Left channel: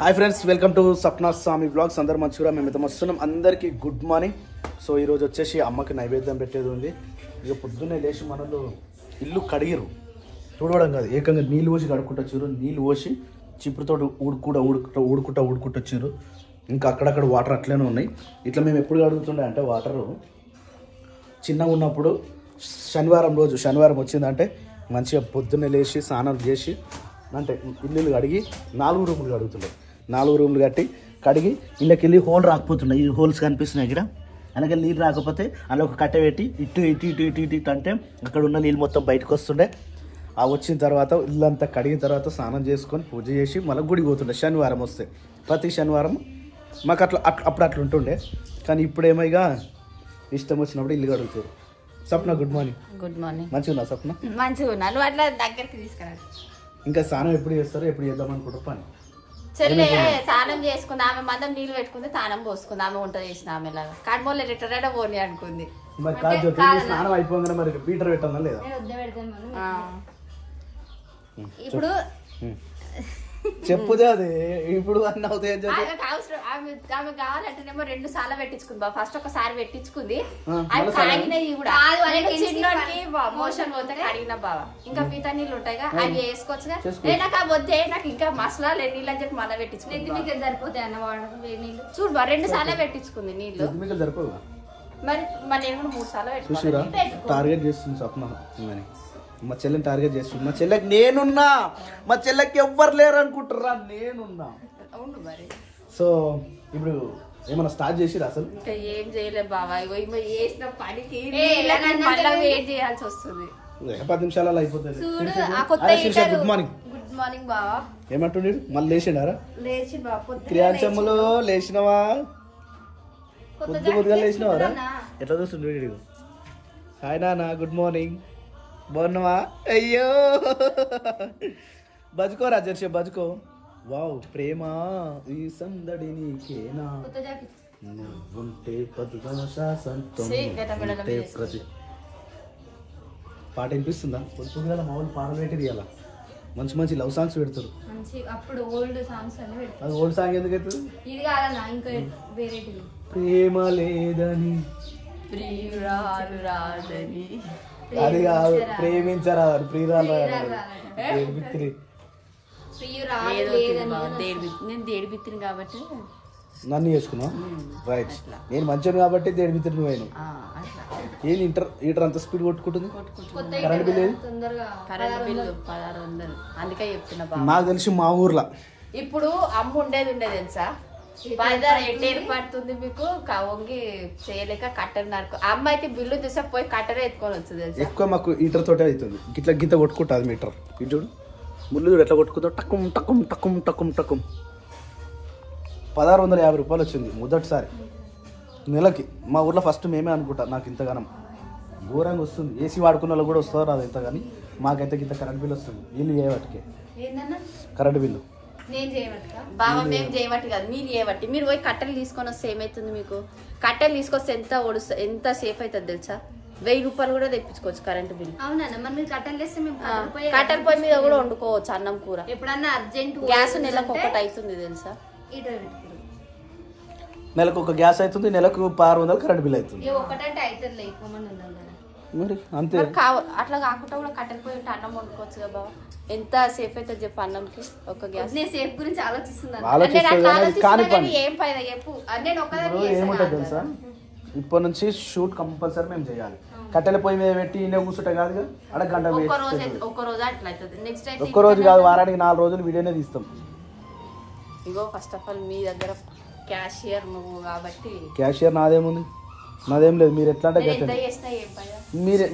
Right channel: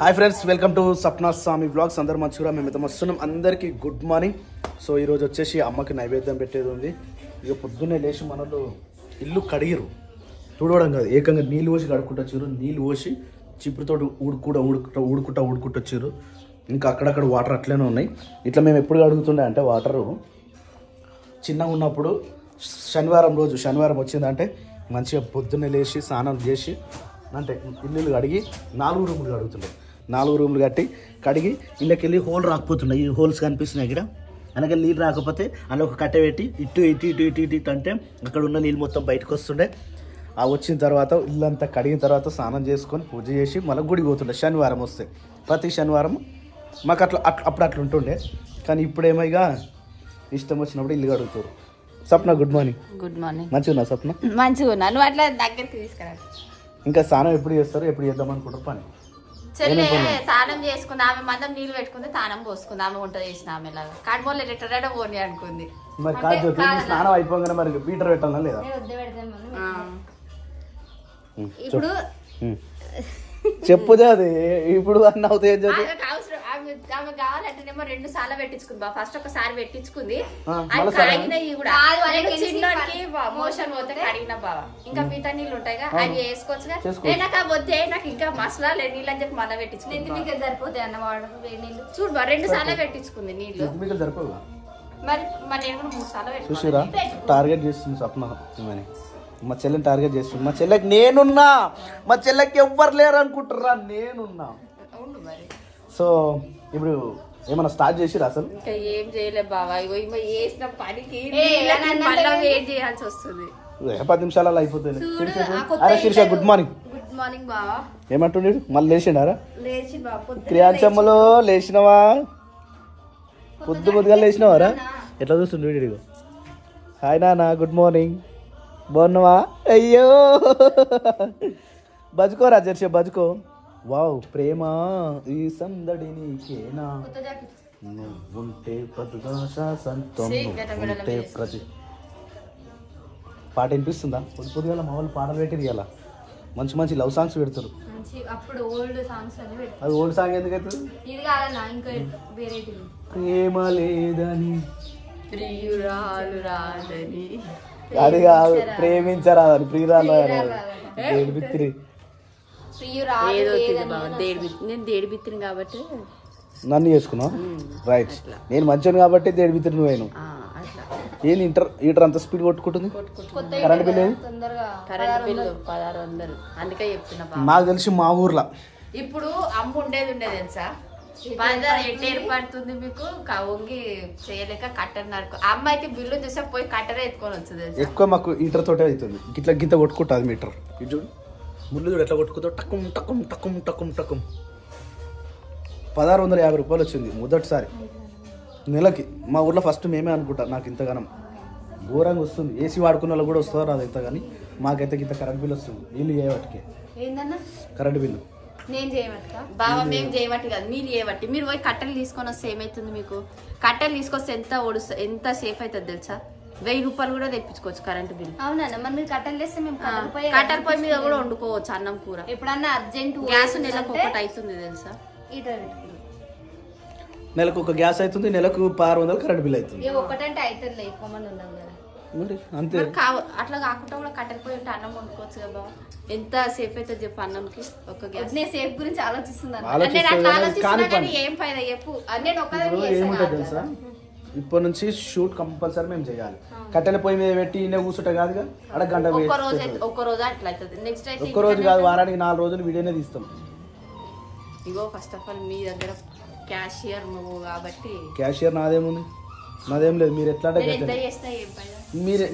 Hi friends, welcome to Sapna Swamy vlogs. అందరు మంచిగా మేమైతే వస్తున్నాం. అందరికీ గుడ్ మార్నింగ్. సో ఈరోజు వచ్చేసి అమ్మకి నైవేద్యం పెట్టేది ఉంది. ఇక పొద్దున్నే లేచి మనలు ఇల్లు కడిగిరు, తుడవడం కాదు, ఏకంగా నీళ్ళు పోసి కడుక్కుంటూ వచ్చారు. నీళ్ళు పోసి చిప్పుడుతో ఊడుకుంటూ వచ్చారు. ఇంకా అక్కడక్కడ వాటర్ అట్లనే ఉన్నాయి. ఇట్లా మేము ఎప్పుడు కడుగుతుండే అంటే వాటరు చిన్నగా ఉన్నప్పుడు శనివారం వచ్చిందంటే మంచిగా పొద్దున్నే లేచి స్నానం చేసి అంటే ఇల్లు కడిగి 4 రూములు కడుగుతుండే. 4 రూములు కడిగి ఇళ్ళకి వెళ్ళి హోల్ రాకపోతున్నాయి. ఈ హోల్స్ కనిపిస్తున్నాయి ఇక్కడ. వెనక నీళ్ళు రాకపోతే అలా ఒక కట్టె పెట్టి ఇటు అంటే అక్కడ ఉన్న నీళ్ళు మొత్తం బయటకు వస్తుండే. ఆ వచ్చిన తర్వాత ఇల్లంతా కడిగిన తర్వాత స్నానం చేసుకొని పూజ చేసి మళ్ళీ గుడికి పోతుండే. శనివారం వస్తే ప్రతి శనివారం మాకు అప్పుడు అట్లా ఉంటుండే. కానీ ఇప్పుడేమో ఇక ఇష్టం వచ్చినప్పుడు ఇల్లు కడుగుతారు. Sapna good morning. Good morning. మంచిగా ఉన్నా సప్న? మంచిగా ఉన్నా. నువ్వు అట్లా దగ్గరికి తీసుకురా. ఇంకా స్నానం ఎప్పుడు చేస్తారు, ఎప్పుడు చేద్దాం అనుకుంటారు పని? చెల్లె స్నానం చేసుకుంది, ఆమె మందం నీళ్ళు పెట్టుకుంది, స్నానం పోసుకుంది, ఆమె వంట చేసిన ఆమె లాగా కడమోళ్ళు రిటర్న్ పోనీ అనుకుంది. మరి కాదు, స్నానం అయిపోగానే మరి బీటర్ పెట్టాలా లేదా? ఇప్పుడు చెప్పుదే అది ఇప్పుడు అన్న అవుతాయి. ఆమె కావాలంటేనేమో 2 సార్లు పెట్టించుకుంది బా. ఫస్ట్ ఒకసారి పెట్టించుకుంది, మోషన్ పోతే కడిగిన బావా. ఇంకా మిగతా నీళ్ళు ఉంటాయిగా అవి వేసుకోవచ్చుగా. నాకు వద్దే, నాకు ఇంకా మసలా నీళ్ళు అని చెప్పి మళ్ళీ పెట్టించుకుంది. సరిపోతాయి అన్న నీళ్ళు చూడు బా. 2 సార్లు పెట్టించుకుంది నీళ్ళు. సరిపోదు మరి నేను కూడా 3 సార్లు పెట్టించుకున్నా. టార్గెట్ చేస్తుంది సప్న. మా చెల్లెని టార్గెట్ చేస్తుంది. మా చెల్లెకి నేనున్నా, మా చెల్లెకి ఎవ్వరు లేరు అనుకుంటారా? నేనున్నా. మరి సో ఇప్పుడు ఏమన్నా స్టార్ట్ చేసిరా? అసలు ఇంకా ఏం చేయలేదు బావా. చేసిన పనికి మళ్ళీ ఏం చేయాల్సి వస్తుంది. 10 నిమిషాలలో అయిపోతుంది. Good morning. గుడ్ మార్నింగ్ బావా. ఏమంటుండే? మళ్ళీ లేచిండారా? లేచి క్రియాంశమ్మలో లేచినవా? పొద్దుగా లేచినవారా? ఎట్లా చూస్తుండే? హాయ్ నాన్న, గుడ్ మార్నింగ్. బాగున్నావా? అయ్యో బజుకోరా జర్సీ, బజుకో. వావ్, ప్రేమ ఈ సందడి నీకేనా, నువ్వుంటే ప్రతి పాట వినిపిస్తుందా? పొద్దుగా మా వాళ్ళు పాటలు పెట్టేది అలా మంచి మంచి లవ్ సాంగ్స్ పెడతారు. అప్పుడు ఓల్డ్ సాంగ్స్ అని అది ఓల్డ్ సాంగ్ ఎందుకు అవుతుంది? ఇది కాదన్నా, ఇంకా వేరే ప్రేమ లేదని ప్రియురాలు రాదని, అది కాదు, ప్రేమించరాదని ప్రియురాలు. నేను దేడిబిత్తిని కాబట్టి నన్ను చేసుకున్నావు. రైట్, నేను మంచిగా కాబట్టి దేడిబిత్తిని నువ్వేను. ఏంది ఈటర్ అంత స్పీడ్ కొట్టుకుంటుంది? Current bill 1600. అందుకే చెప్తున్నా. నాకు తెలిసి మా ఊర్లో ఇప్పుడు అమ్మ ఉండేది తెలుసా, పడుతుంది మీకు వంగి చేయలేక కట్టెలు నరుకు. అమ్మ అయితే బిల్లు చూసా పోయి కట్టెలు ఎత్తుకొని వచ్చింది. ఎక్కువ మాకు ఈటర్ తోటే అవుతుంది. గిట్ల గింత కొట్టుకుంటుంది మీటర్. ఇది చూడు, ముళ్ళు చూడు ఎట్లా కొట్టుకుంటా. టక్కుం టక్కుం టక్కుం టక్కుం టక్కుం. 1650 రూపాయలు వచ్చింది మొదటిసారి నెలకి. మా ఊర్లో ఫస్ట్ మేమే అనుకుంటా. నాకు ఇంతగానం ఘోరంగా వస్తుంది. ఏసీ వాడుకున్న వాళ్ళు కూడా వస్తారు అది ఎంత, కానీ మాకైతే ఇంత కరెంట్ బిల్ వస్తుంది. వీళ్ళు చేయబట్టికే కరెంట్ బిల్లు. బాబా మేము చేయబట్టి కాదు, మీరు చేయబట్టి. మీరు పోయి కట్టెలు తీసుకొని వస్తే ఏమైతుంది మీకు? కట్టెలు తీసుకొస్తే ఎంత సేఫ్ అవుతుంది తెలుసా? 1000 రూపాయలు కూడా తెప్పించుకోవచ్చు కరెంట్ బిల్. కట్టెల పొయ్యి మీద కూడా వండుకోవచ్చు అన్నం కూర. ఎప్పుడన్నా అర్జెంట్ గ్యాస్ నెలకు ఒకటి అవుతుంది తెలుసా? నెలకు ఒక గ్యాస్ అవుతుంది, నెలకు 600 కరెంట్ బిల్ అవుతుంది. అంతే. అట్లా కాకుండా కూడా కట్టెల పొయ్యి ఉంటే అన్నం వండుకోవచ్చు కదా బాబా. ఎంత సేఫ్ అవుతుంది చెప్పు అన్నంకి ఒక గ్యాస్. నేను సేఫ్ గురించి ఆలోచిస్తున్నాను. ఏం ఫైదా చెప్పు. నేను ఏముంటుంది తెలుసా, ఇప్పటి నుంచి షూట్ కంపల్సరీ మేము చేయాలి. కట్టెల పొయ్యి మీద పెట్టి ఇన్నే కూర్చుంటే కాదుగా, అక్కడ గంట ఒక్క రోజు అట్లా అవుతుంది. నెక్స్ట్ డే ఒక్క రోజు కాదు, వారానికి 4 రోజులు వీడియోనే తీస్తాం. ఇగో ఫస్ట్ ఆఫ్ ఆల్ మీ దగ్గర క్యాషియర్ నువ్వు కాబట్టి. క్యాషియర్ నాదేముంది? నాదేం లేదు. మీరు ఎట్లా అంటే మీరు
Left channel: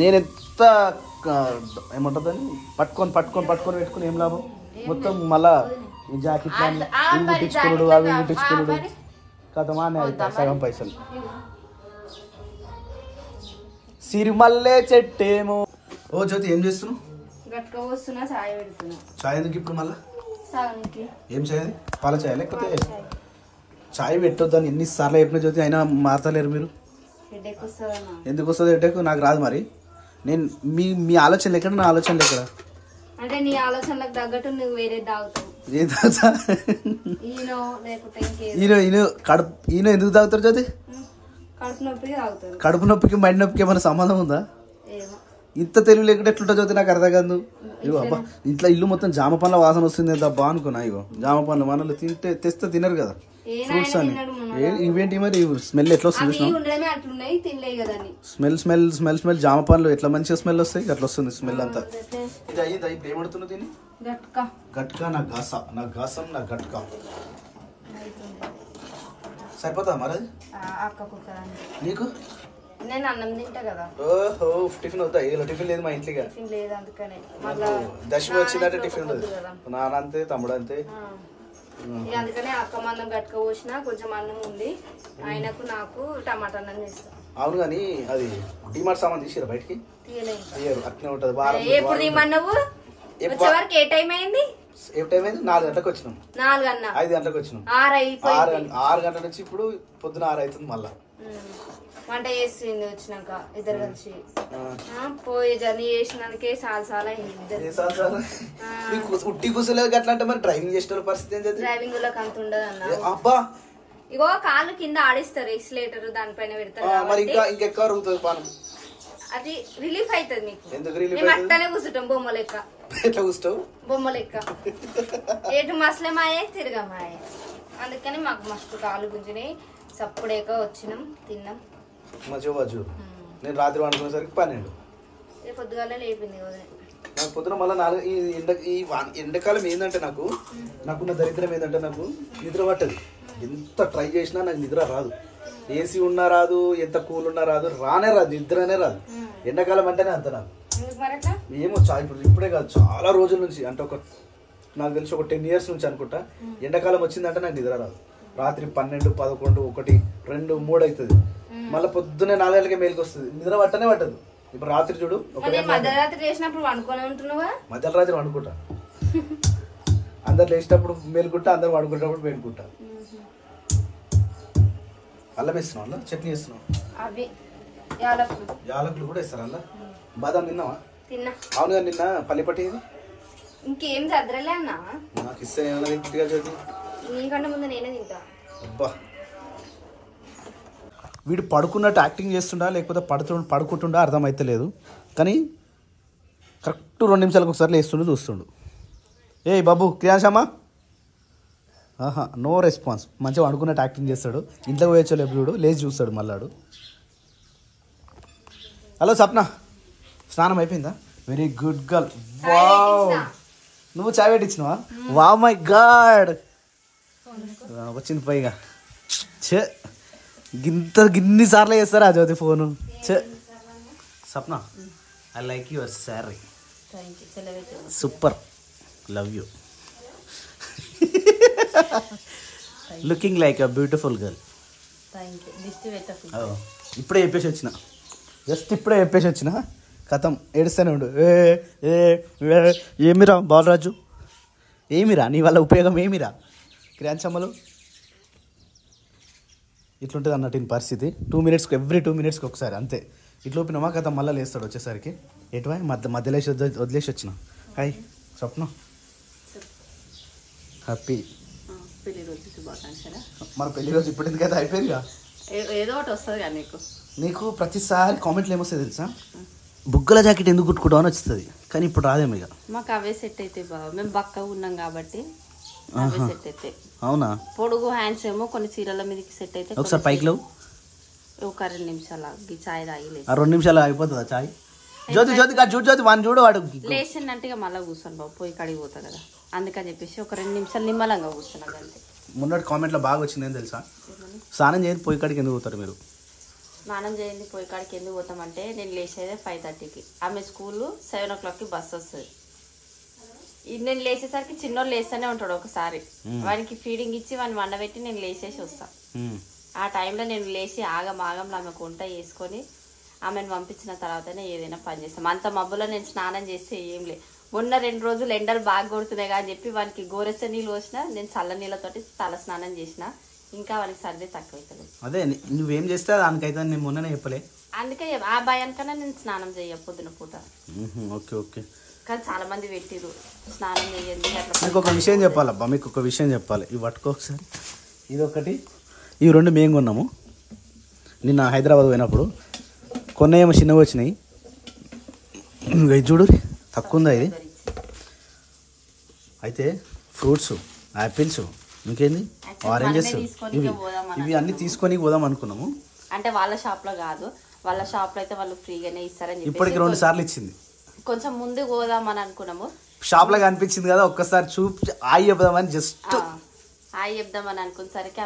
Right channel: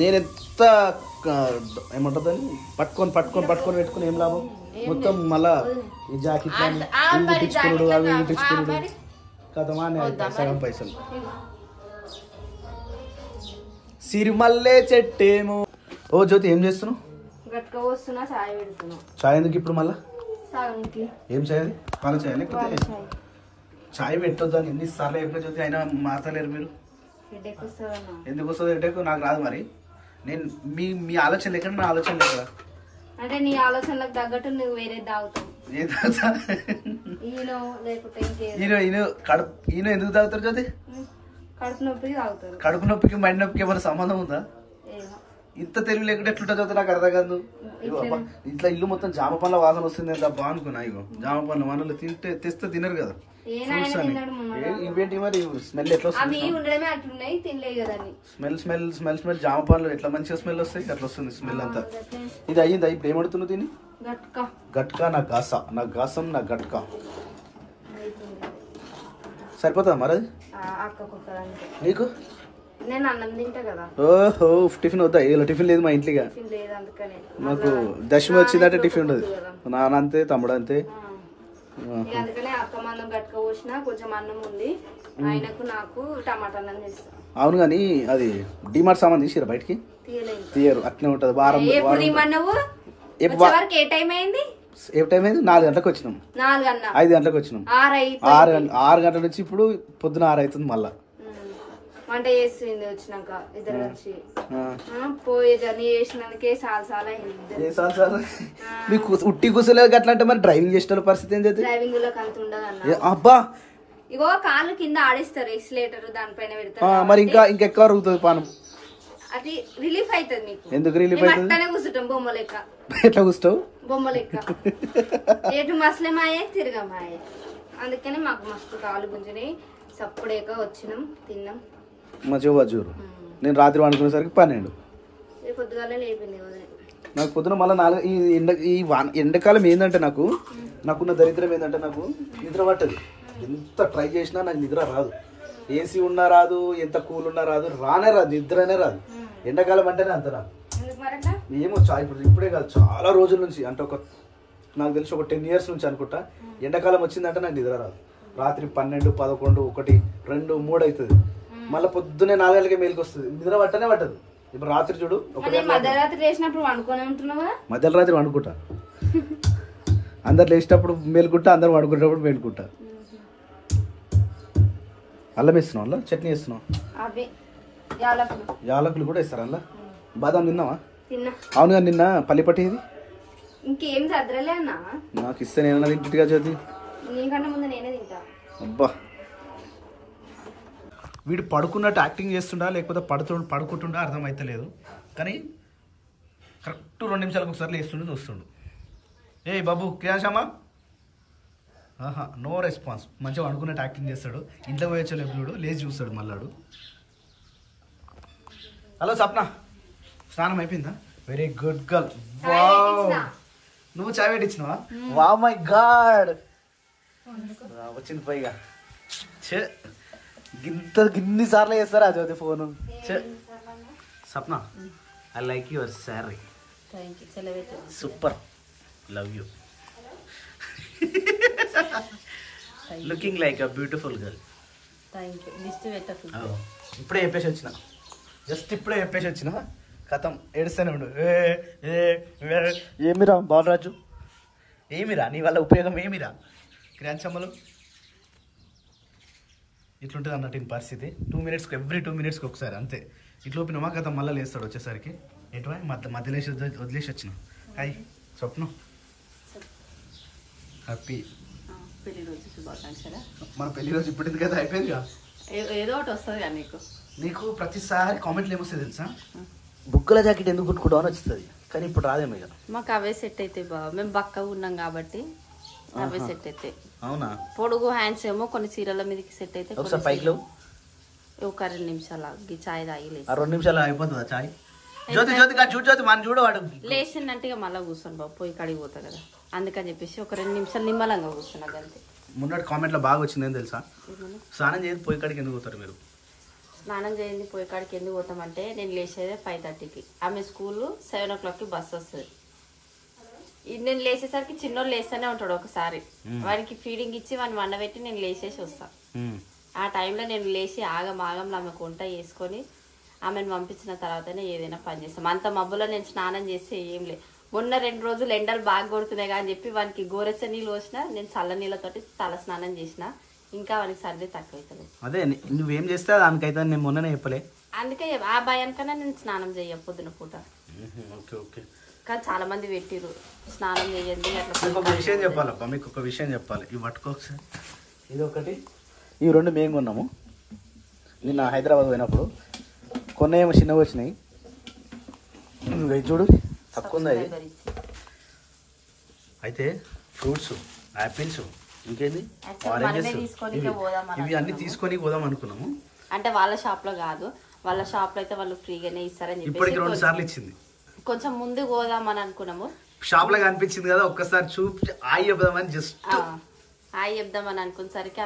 నేను ఎంత ఏమంటుందని పట్టుకొని పెట్టుకుని ఏం లాభం? మొత్తం మళ్ళా ఈ జాకెట్ కుట్టించుకున్నాడు, అవి కుట్టించుకున్నాడు కదమా సగం పైసలు. సిరిమల్లే చెట్టేమో. ఓ జ్యోతి, ఏం చేస్తున్నావు? చాయ్ ఎందుకు ఇప్పుడు మళ్ళా? ఏం చేయాలి? పాల చాయ్ లేకపోతే చాయ్ పెట్టొద్దు అని ఎన్నిసార్లు చెప్పిన జ్యోతి, అయినా మారతలేరు మీరు. ఎందుకు వస్తుంది హెడేక్? నాకు రాదు. మరి నేను మీ ఆలోచన ఎక్కడ, నా ఆలోచన ఎక్కడ? అంటే నీ ఆలోచనలకు తగ్గట్టు నువ్వు వేరే తాగుతావు. ఏం తాగుతా ఈనో లేకపోతే ఈయన ఎందుకు తాగుతారు జ్యోతి? కడుపు నొప్పికి తాగుతారు. కడుపు నొప్పికి మైండ్ నొప్పికి ఏమైనా సంబంధం ఉందా? ఇంత తెలివి లేకుండా ఎట్లుంటా జ్యోతి నాకు అర్థం కాదు. ఇంట్లో ఇల్లు మొత్తం జామ పండ్ల వాసన వస్తుంది ఎంత బాగునుకున్నా. ఇగో జామ పండ్ల మనలో తింటే తెస్తే తినరు కదా ఫ్రూట్స్ అని. ఇవేంటి మరి స్మెల్ ఎట్లా వస్తుంది? స్మెల్ జామ పండ్లు ఎట్లా మంచిగా స్మెల్ వస్తాయి అట్లా వస్తుంది స్మెల్ అంతా. ఇది అయ్యిందా ఇప్పుడు ఏమడుతున్నావు తిని? గట్కా నా గాసం నా గట్కా సరిపోతుందా మరి అది నీకు? నేను అన్నం తింటా కదా. ఓహో టిఫిన్ వద్దా? ఇలా టిఫిన్ లేదు మా ఇంట్లో. టిఫిన్ లేదు అందుకనే. దశమి వచ్చిందంటే టిఫిన్ ఉండదు. నాన్న అంతే తమ్ముడు అంతే. అందుకనే అక్క మందం గట్క పోసిన కొంచెం అన్నం ఉంది. ఆయనకు నాకు టమాటా అన్నం చేస్తా. అవును కానీ అది డిమార్ట్ సామాన్ తీసిరా బయటికి? తీయరు అట్లే ఉంటది. ఎప్పుడు తీయమన్నావు? వచ్చే వరకు ఏ టైం అయింది? ఏ టైం అయింది? 4 గంటలకు వచ్చినాం. 5 గంటలకు వచ్చినాం. 6 గంటల నుంచి ఇప్పుడు పొద్దున 6 అవుతుంది. మళ్ళా వంట చేసింది వచ్చినాక ఇద్దరు కలిసి పోయే జర్నీ చేసినందుకే చాలా ఉట్టి కూసలేదు అట్లా అంటే మరి డ్రైవింగ్ చేసిన పరిస్థితి ఏంటి? డ్రైవింగ్ లోకి అంత ఉండదు అన్న. అబ్బా ఇగో కాళ్ళు కింద ఆడిస్తారు ఎక్సిలేటర్ దానిపైన పెడతారు. మరి ఇంకెక్కువ అరుగుతుంది పానం. అది రిలీఫ్ అవుతుంది మీకు. ఎందుకు రిలీఫ్? మేము అట్టనే కూర్చుంటాం బొమ్మ లెక్క. ఎట్లా కూర్చుంటావు? బొమ్మ లెక్క. ఎటు మసలేమాయే తిరగమాయే. అందుకని మాకు మస్తు కాలు గుంజినాయి. సప్పుడేక వచ్చినాం తిన్నాం. నేను రాత్రి వండుకునేసరికి 12. పొద్దుగాల లేపింది నాకు పొద్దున మళ్ళీ ఈ ఎండాకాలం ఏంటంటే నాకున్న దరిద్రం ఏంటంటే నాకు నిద్ర పట్టదు. ఎంత ట్రై చేసినా నాకు నిద్ర రాదు. ఏసీ ఉన్నా రాదు, ఎంత కూల్ ఉన్నా రాదు, రాదు, నిద్రనే రాదు. ఎండాకాలం అంటేనే అంత నాకు ఏమో ఇప్పుడే కాదు చాలా రోజుల నుంచి అంటే నాకు తెలిసి ఒక 10 years నుంచి అనుకుంటా. ఎండాకాలం వచ్చిందంటే నాకు నిద్ర రాదు. రాత్రి 12, 11, 1, 2, 3 అవుతుంది. మళ్ళీ పొద్దున్నే 4 గంటలకే మేలుకి వస్తుంది. నిద్ర పట్టనే పట్టదు. ఇప్పుడు రాత్రి చూడు మధ్యరాత్రి లేచినప్పుడు వండుకొని ఉంటున్నావా? మధ్యరాత్రి వండుకుంటా. అందరు లేచినప్పుడు మేలుకుంటా, అందరు వండుకునేటప్పుడు మేలుకుంటా. అల్లం వేస్తున్నావు? అల్లం చట్నీ వేస్తున్నావు? యాలకులు కూడా వేస్తారు అలా. బాదం తిన్నావా? అవును నిన్న పల్లిపట్టి ఇంకేం చదరలే అన్న. నాకు ఇస్తే నేను ఇంటిగా చదివి నీకంటే ముందు నేనే తింటా. అబ్బా వీడు పడుకున్నట్టు యాక్టింగ్ చేస్తుండా లేకపోతే పడుకుంటుండా అర్థమైతలేదు. కానీ కరెక్ట్ 2 నిమిషాలకు ఒకసారి లేస్తుండు చూస్తుండు. ఏ బాబు క్రియాశమ్మా నో రెస్పాన్స్. మంచిగా అనుకున్నట్టు యాక్టింగ్ చేస్తాడు. ఇంట్లో పోయొచ్చలేదు వీడు లేచి చూస్తాడు మళ్ళాడు. హలో సప్న స్నానం అయిపోయిందా? Very good girl. వావ్ నువ్వు చాయ్ పెట్టించినావా? వావ్ మై గాడ్ వచ్చింది పైగా. చే గిన్ని సార్లు చేస్తారా Jyothi phone? Sapna I like your sari. Super love you. Looking like a beautiful girl. ఇప్పుడే చెప్పేసి వచ్చిన. జస్ట్ ఇప్పుడే చెప్పేసి వచ్చిన. కథం ఏడుస్తూనే ఉండు. ఏమిరా బాలరాజు? ఏమిరా నీ వల్ల ఉపయోగం ఏమిరా? క్రాంచమ్మలు ఇట్లుంటుంది అన్నట్టు ఈ పరిస్థితి. 2 minutes ఎవ్రీ 2 minutes ఒకసారి అంతే. ఇట్లా ఓపినమా కథ మళ్ళీ లేస్తాడు వచ్చేసరికి. ఎటువా మధ్యలో వదిలేసి వచ్చిన. హాయ్ స్వప్నం హ్యాపీ పెళ్లి రోజు శుభాకాంక్షలు. మన పెళ్లి రోజు ఇప్పుడు ఎందుకు కదా అయిపోయిందిగా. ఏదో ఒకటి వస్తుంది కానీ నీకు ప్రతిసారి కామెంట్లు ఏమొస్తుంది తెలుసా? బుగ్గల జాకెట్ ఎందుకు కుట్టుకుంటావు అని వస్తుంది. కానీ ఇప్పుడు రాదేమో కదా. మాకు అవే సెట్ అయితే బాగా. మేము బక్కగా ఉన్నాం కాబట్టి అవే సెట్ అయితే. అవునా? పొడుగు హ్యాండ్స్ ఏమో కొన్ని చీరల మీదకి సెట్ అయితే. ఒకసారి పైకి ఒక 2 నిమిషాలు చాయ్ తాగిలేదు. 2 నిమిషాలు అయిపోతుందా చాయ్? జ్యోతి చూడు వాడు లేచిందంటే మళ్ళీ కూర్చొని బాబు పోయి కడిగి పోతా కదా. అందుకని చెప్పేసి ఒక 2 నిమిషాలు నిమ్మలంగా కూర్చున్నా అంతే. మొన్నటి కామెంట్లో బాగా వచ్చిందని తెలుసా? స్నానం చేయండి పోయి కాడికి ఎందుకు పోతారు మీరు? స్నానం చేయండి పోయి కాడికి ఎందుకు పోతామంటే నేను లేచేదే 5:30కి. ఆమె స్కూల్ 7 o'clockకి బస్సు వస్తుంది. నేను లేచేసరికి చిన్నోళ్ళు లేస్తూనే ఉంటాడు. ఒకసారి వాడికి ఫీడింగ్ ఇచ్చి వాడిని వండబెట్టి నేను లేచేసి వస్తా. ఆ టైంలో నేను లేచి ఆగంలో ఆమెకు వంట చేసుకొని ఆమెను పంపించిన తర్వాతనే ఏదైనా పని చేస్తాం. అంత మబ్బులో నేను స్నానం చేస్తే ఏం లే. మొన్న 2 రోజులు ఎండలు బాగా కొడుతున్నాయి కానీ చెప్పి వానికి గోరెచ్చ నీళ్ళు పోసిన, నేను చల్ల నీళ్ళతోటి తల స్నానం చేసిన. ఇంకా వానికి సర్ది తక్కువ అవుతుంది. అదే నువ్వేం చేస్తే దానికైతే నేను మొన్ననే చెప్పలే. అందుకే ఆ భయానికన్నా నేను స్నానం చెయ్య పొద్దున పూట. ఓకే ఓకే కానీ చాలా మంది పెట్టిరు స్నానం చేయండి అట్లా. ఇంకొక విషయం చెప్పాలబ్బా, మీకు ఒక విషయం చెప్పాలి. ఇవి పట్టుకో ఒకసారి. ఇది ఒకటి, ఇవి 2 మేము కొన్నాము నిన్న హైదరాబాద్ పోయినప్పుడు. కొన్ని ఏమో చిన్నవి వచ్చినాయి. ఇది చూడు తక్కువ ఉందా ఇది. అయితే ఫ్రూట్స్, యాపిల్స్, ఇంకేంది ఆరెంజెస్, ఇవి అన్ని తీసుకొని పోదాం అనుకున్నాము. అంటే వాళ్ళ షాప్ లో కాదు, వాళ్ళ షాప్ లో అయితే వాళ్ళు ఫ్రీగానే ఇస్తారని చెప్పి ఇప్పటికి 2 సార్లు ఇచ్చింది. కొంచెం ముందు పోదాం అని అనుకున్నాము. షాప్ లో కనిపించింది కదా, ఒక్కసారి చూపి ఆయి చెప్దామని జస్ట్ హాయ్ చెప్దామని అనుకునేసరికి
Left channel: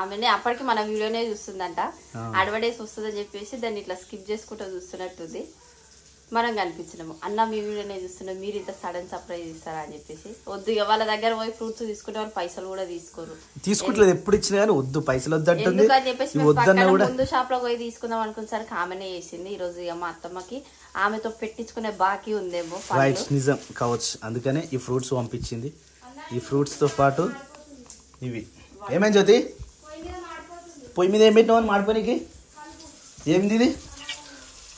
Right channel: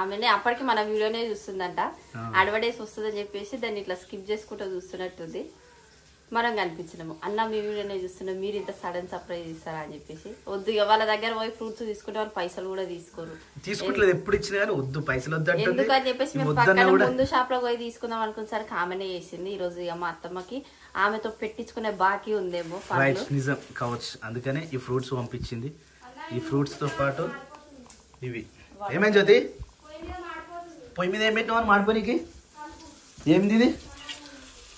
ఆమెనే అప్పటికి మన వీడియోనే చూస్తుందంట. అడ్వర్టైజ్ వస్తుందని చెప్పేసి దాన్ని ఇట్లా స్కిప్ చేసుకుంటూ చూస్తున్నట్టుంది. మనం కనిపించినాము, అన్న మీ వీడియోనే చూస్తున్నాం, మీరు ఇంత సడన్ సర్ప్రైజ్ ఇస్తారా అని చెప్పేసి. వద్దు ఇక వాళ్ళ దగ్గర పోయి ఫ్రూట్స్ తీసుకుంటే వాళ్ళు పైసలు కూడా తీసుకోరు. తీసుకుంటలేదు ఎప్పుడు ఇచ్చినా కానీ వద్దు పైసలు వద్దు ఎందుకని చెప్పేసి మేము పక్కన ముందు షాప్ లో పోయి తీసుకుందాం అనుకునేసరికి ఆమెనే చేసింది. ఈ రోజు ఇక మా అత్తమ్మకి ఆమెతో పెట్టించుకునే బాకీ ఉందేమో. నిజం కావచ్చు, అందుకనే ఈ ఫ్రూట్స్ పంపించింది. ఈ ఫ్రూట్స్ తో పాటు ఇవి ఏమేం జ్యోతి పొయ్యి మీద ఏం పెట్టినామని మాడిపోయినకి ఏమిది ఇది?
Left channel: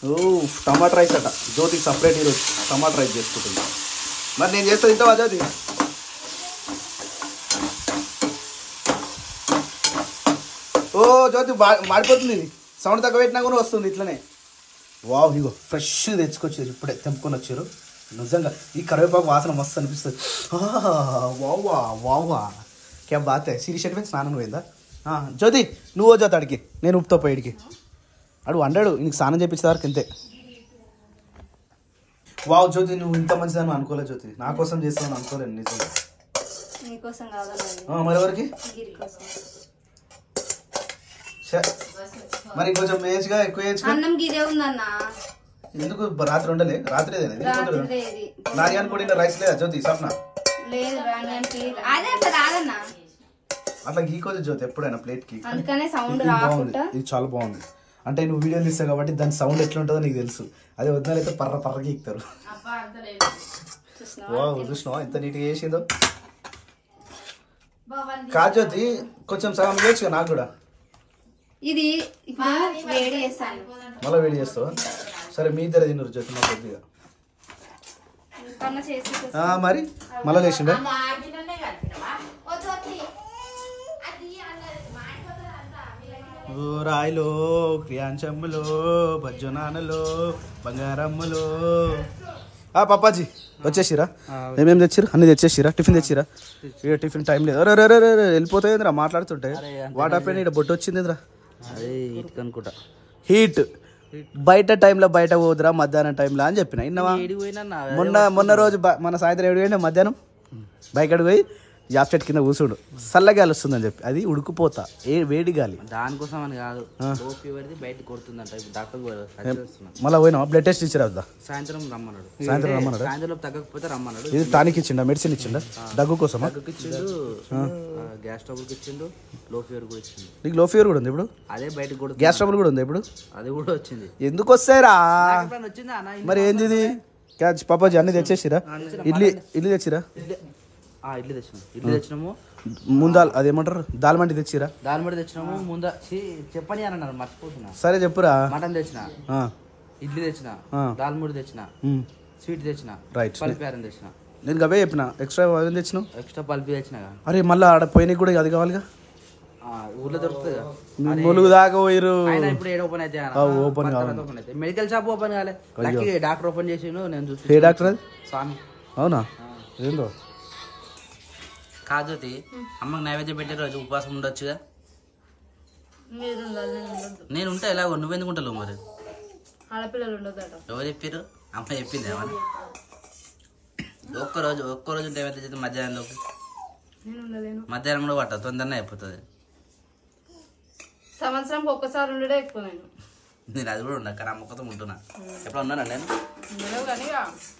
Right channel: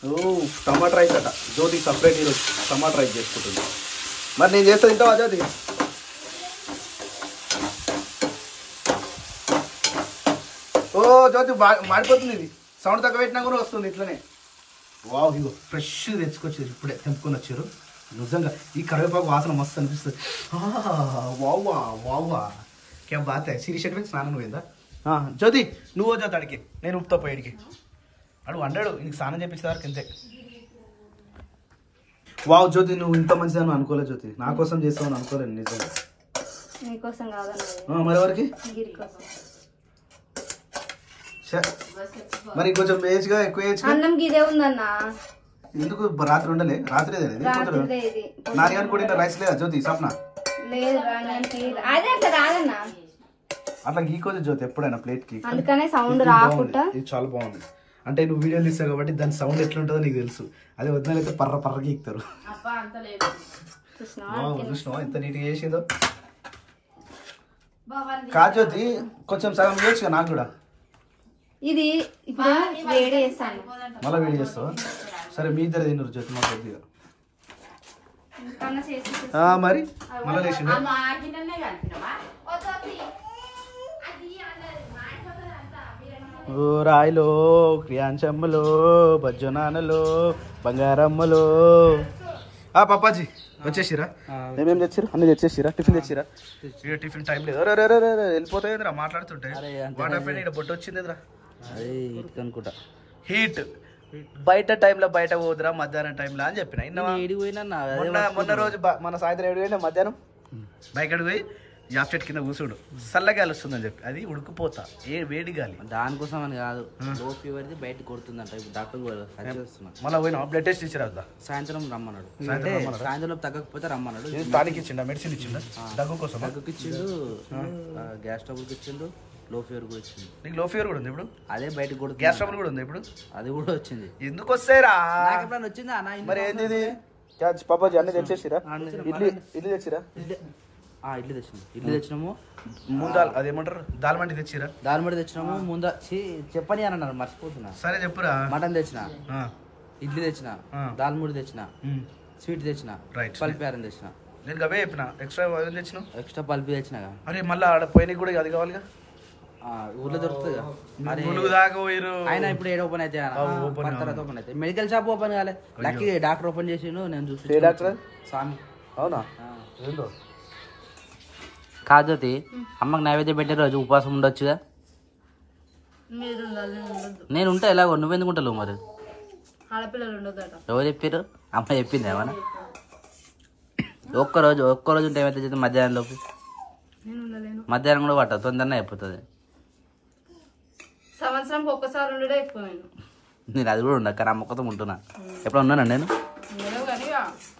ఓ టమాటా రైస్ అట. జ్యోతి సపరేట్ ఈరోజు టమాటా రైస్ చేసుకుంటుంది. మరి నేను చేస్తా తింటావా జ్యోతి? ఓ జ్యోతి మాడిపోతుంది, ఇది సౌండ్ తక్కువ పెట్టినా కూడా వస్తుంది ఇట్లనే. వావ్, ఇగో ఫ్రెష్ తెచ్చుకొచ్చారు, ఇప్పుడే తెంపుకొని వచ్చారు. నిజంగా ఈ కరివేపాకు వాసన మస్తు అనిపిస్తుంది. వావా వావా క్యా బాత్ హై. సిరి షెట్ మీద స్నానం పోయిందా జ్యోతి? నువ్వు జ్యోతి అడిగి, నేను ఉప్పుతో పోయిడికి అడు వండాడు. నీకు స్నానం చేయించే వరకు ఇంతే. వావ్ జ్యోతి, నువ్వు ఇంత మంచిదని అనుకోలేదు జ్యోతి. నా కోసం చేస్తావని అనుకోలేదు నిజంగా. మరి ఎవరికి? మరి కొంచెం ఏజ్గా ఎక్కువ ఏజ్ ఎందుకు రాత్రి ఉండలే? రాత్రి నార్యాన్ కూడా రైస్ లేదా జ్యోతి? సప్న అట్లా గీకోదు జ్యోతి ఎప్పుడైనా ప్లేట్ కి. ఇది చాలా బాగుంది. అంటే నువ్వు వీడియోలు తీస్తావు కాబట్టి దాని సౌండ్ ఎట్లుంటుందో నీకు తెలుసు. అదే వద్దనైతే పర్ర పర్ర గీక్తారు. చూసినావా ఎంత నీట్గా చేసిందో? కాదు జ్యోతి, కొంచెం సగం చేయొచ్చు నాకు కూడా. ఇది ఇప్పుడు వేడి చేస్తాను, మళ్ళీ వేడి చేస్తావా? సరే మీ ఇద్దరు తిన్నారు జ్యోతి, మా కొద్దిగా మరి మళ్ళీ లేచిందా? ఓ రాయిలో క్రియాంచమ్మలో బజ్జనానలో బంగారమ్మలో. పాపాజీ వచ్చేసిరా? ఏమేమి తెచ్చిరా? అన్ని తెచ్చేసిరా? టిఫిన్ తెచ్చిరా? ఇక టిఫిన్ టైం లేదు. వెళ్ళిపోతాయిందిరా మాట్లాడుతుంటే. వాటర్ పైన ఇక్కడ బొట్టు వచ్చిందిరా. అదే హీట్ అనుకుంటా. హీట్ బయట టైంలో బయట పోదురా మధ్యాహ్నం టైంలో అని చెప్పిన. మొన్న రోజు మన సాయంత్రం 7 గంటల మధ్యాహ్నం బైక్ అడిగి పోయి జాబ్ చెట్టు కింద కూర్చోడు, చల్లగాలి వస్తుందని చెప్పి. అది ఉడుకుపోతా వేడి గాలి. దానికోసం అని కాదు, లో ఫీవర్ బయట కొడుతుందంట. ఇప్పుడు డాక్టర్ మళ్ళీ పోయినా బ్లడ్ టెస్ట్ ఇచ్చారు వద్దా? సాయంత్రం రమ్మన్నాడు. సాయంత్రం తగ్గకపోతే రమ్మన్నాడు. ఇది టానిక్ ఇచ్చిండా? మెడిసిన్ ఇచ్చిండా? దగ్గు కోసం? దగ్గుకి ఇచ్చిండు, గ్యాస్ ట్రబుల్కి ఇచ్చిండు, లో ఫీవర్ కూడా ఇచ్చింది. నీకు లో ఫీవర్ కూడా ఉంది ఇప్పుడు? అదే బయటకు కూడా. గ్యాస్ ట్రబుల్ కూడా ఉంది ఇప్పుడు? అది కూడా వచ్చింది. ఎందుకు వస్తాయిరా? వచ్చిందా మరి ఏంది పాపాజీ? అన్ని తెచ్చేసిరా? ఇడ్లీ తెచ్చిరా? ఇడ్లీ తెచ్చినాము. ముందా అదేమంటారు దాల్మంటి తెచ్చిరా? దాల్మంటి తెచ్చినాము. ముందా చెప్పని అని అన్నారు, మర్చిపోతున్నా. సరే చెప్పురా. మటన్ తెచ్చిన, ఇడ్లీ తెచ్చిన, దాల్ముడి తెచ్చిన, స్వీట్ తెచ్చిన, పల్పియారం తెచ్చిన. నేను అవే చెప్పిన. ఎక్స్ట్రా తెచ్చిన, ఎక్స్ట్రా పల్పి తెచ్చిన. అరే మళ్ళీ ఆడ పోయినా కూడా అది కావాలిగా, ఊర్లో దొరుకుతుంది. ఆయన ఇప్పుడు ఏడు ఓపెన్ అయితే ఓపెన్ అయితే మెడికల్ షాప్ ఓపెన్ కాలే. లక్కీ డాక్టర్ ఓపెన్ చేసిండు. నేను చూసి డాక్టర్ స్వామి. అవునా? కాదు అమ్మకి నైవేద్యం పెట్టే రోజు ఉపవాసం ఉండొచ్చుగా. నేను ఉంటా ఎలాగో, నువ్వెందుకు ఉంటావు మరి? ఎవరు చెప్పారు? అమ్మ చెప్పింది ఏమన్నా? ఒక్కరోజు ఉంటే ఏమైతే మధ్యాహ్నంలోకి, మధ్యాహ్నం కూడా పట్టదు, తొందరనే అయిపోతుంది. సంవత్సరం ఒక్కసారి ఉండడే ఎక్కువ. నేను అది కూడా ఉన్నా, కానీ ఆ మొక్కతో ఉంటున్నా. ఎప్పుడు ఉన్నాను నేను?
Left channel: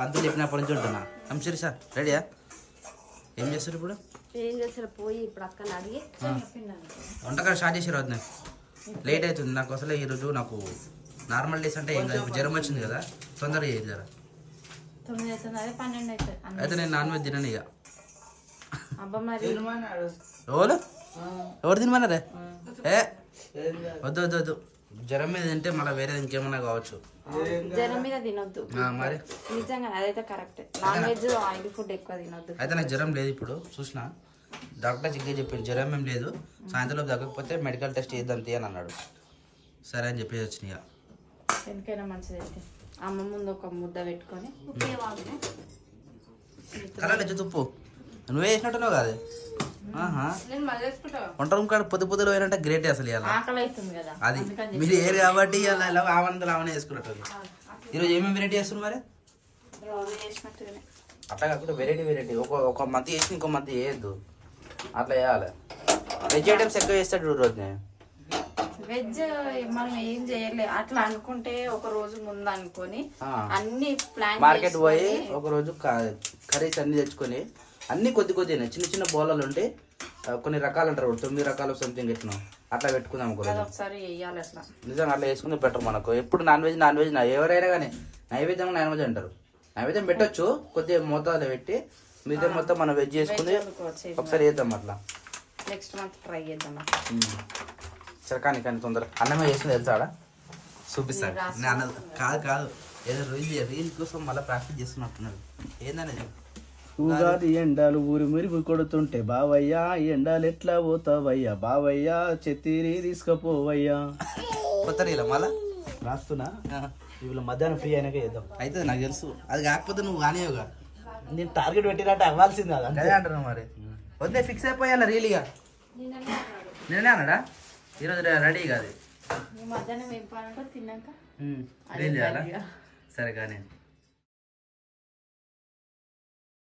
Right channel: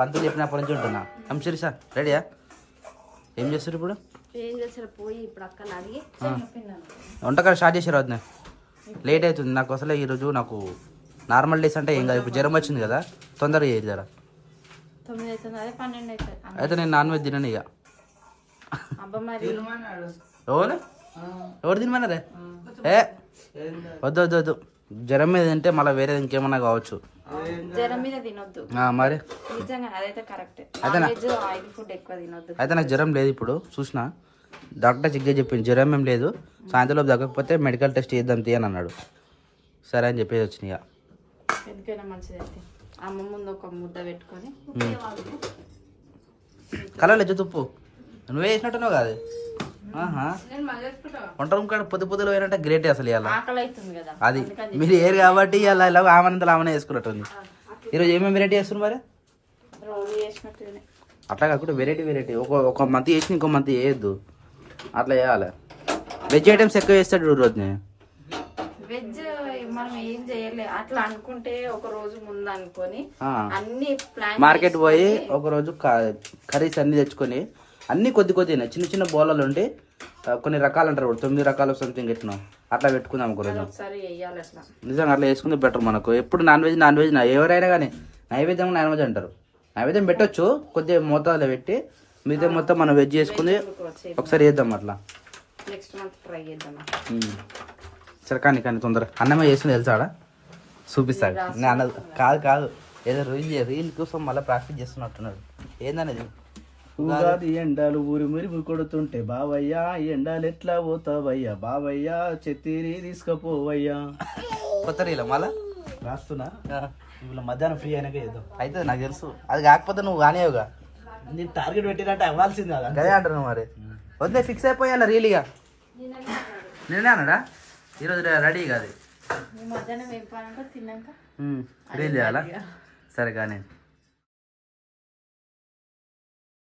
పంతులు చెప్పినప్పటి నుంచి ఉంటున్నా. సరే సార్ రెడీయా? ఏం చేస్తారు ఇప్పుడు? ఏం చేస్తారు? పోయి ఇప్పుడు అక్కడ అడిగి వంటకాలు స్టార్ట్ చేసారు. వద్దు, లేట్ అవుతుంది నాకు. అసలు ఈరోజు నాకు నార్మల్ డేస్ అంటే ఏం కాదు. ఇప్పుడు జ్వరం వచ్చింది కదా, తొందరగా చేయదు జరా. 9 అవుతుంది, అదే 12 అవుతుంది. అయితే నేను నాన్ వెజ్ తినను ఇక. అబ్బా మరి ఎవరు తినమన్నారే? ఏ వద్దు వద్దు వద్దు, జ్వరం మీద తింటే మళ్ళీ వేరేది ఇంకేమన్నా కావచ్చు. జ్వరం మీద తినొద్దు మరి నిజంగా, అదైతే correct. Non veg oil food ఎక్కువ తినొద్దు. అయితే నాకు జ్వరం లేదు ఇప్పుడు, చూసిన డాక్టర్ చెక్ చేసి చెప్పింది జ్వరం ఏం లేదు, సాయంత్రంలోపు తగ్గకపోతే మెడికల్ టెస్ట్ చేద్దాం తీయని అన్నాడు. సరే అని చెప్పేసి వచ్చినాయి. ఎందుకైనా మంచిది. అయితే అమ్మ ముందు ఒక ముద్ద పెట్టుకొని కలలేదు తుప్పు నువ్వే వేసినట్టున్నావు కాదు. వంట రూమ్ కాడ పొద్దులో పోయినంటే గ్రేట్ అసలు ఇవాళ. ఆకలి అవుతుంది కదా అది మీరు ఏరు కాబట్టి ఇలా ఇలా ఆమెనంతలు ఆమెనే వేసుకున్నట్టుంది. ఈరోజు ఏమేమి వెరైటీ చేస్తున్నారు మరి? రోజు చేసినట్టుగానే అట్లా కాకుండా వెరైటీ ఒక మంత్ చేసి ఇంకో మంత్ చేయొద్దు, అట్లా చేయాలి. వెజ్ ఐటమ్స్ ఎక్కువ చేస్తాడు రోజు. వెజ్ మనం ఏం చేయలేదు, అట్లా అనుకుంటే ఒక రోజు ముందు అనుకొని అన్ని ప్లాన్ మార్కెట్ పోయి ఒక రోజు కర్రీస్ అన్ని తెచ్చుకొని అన్ని కొద్ది చిన్న చిన్న బౌలలు ఉంటే కొన్ని రకాలు అంటారు, 9 రకాలు సంథింగ్ ఎట్లా అట్లా పెట్టుకుందాం ఒకసారి వేయాలి. అట్లా నిజంగా అట్లా వేసుకుంటే బెటర్. మనకు ఎప్పుడు నాన్ వెజ్ ఎవరైనా కానీ నైవేద్యం నాన్ వెజ్ అంటారు. నైవేద్యం పెట్టొచ్చు కొద్దిగా మోతాదులో పెట్టి, మిగతా మొత్తం మనం వెజ్ చేసుకుని ఒకసారి చేద్దాం అట్లా. నెక్స్ట్ మంత్ ట్రై చేద్దాం. సరే కానీ తొందరగా అన్నమే చేసింది తెలుసాడా? చూపిస్తాడు అన్నది కాదు ఏదో రీల్ కోసం మళ్ళీ ప్రాక్టీస్ చేస్తున్నట్టున్నాడు. ఏందనేది ఉగాది ఎండాలు ఊరి మురిమి కొడుతుంటే బావయ్యా ఎండాలు ఎట్లా పోతావయ్యా, బావయ్యా చెత్తిరి తీసుకపోవయ్యా. కొత్త రీలా మళ్ళా రాస్తున్నా. ఇవాళ మధ్యాహ్నం ఫ్రీ అయినాక చేద్దాం. అయితే నాకు తెలుసు, అది కాకపోతే నువ్వు కానివ్వగా. నేను టార్గెట్ పెట్టినట్టు అవ్వాల్సింది కదా. అదే అంటున్నావు మరి. వద్దే ఫిక్స్ అయిపోయాలా రీల్గా? నేనే అన్నాడా ఈరోజు రెడీ కాదు మధ్యాహ్నం ఏం తిన్నాక రీల్ చేయాలా? సరే కానీ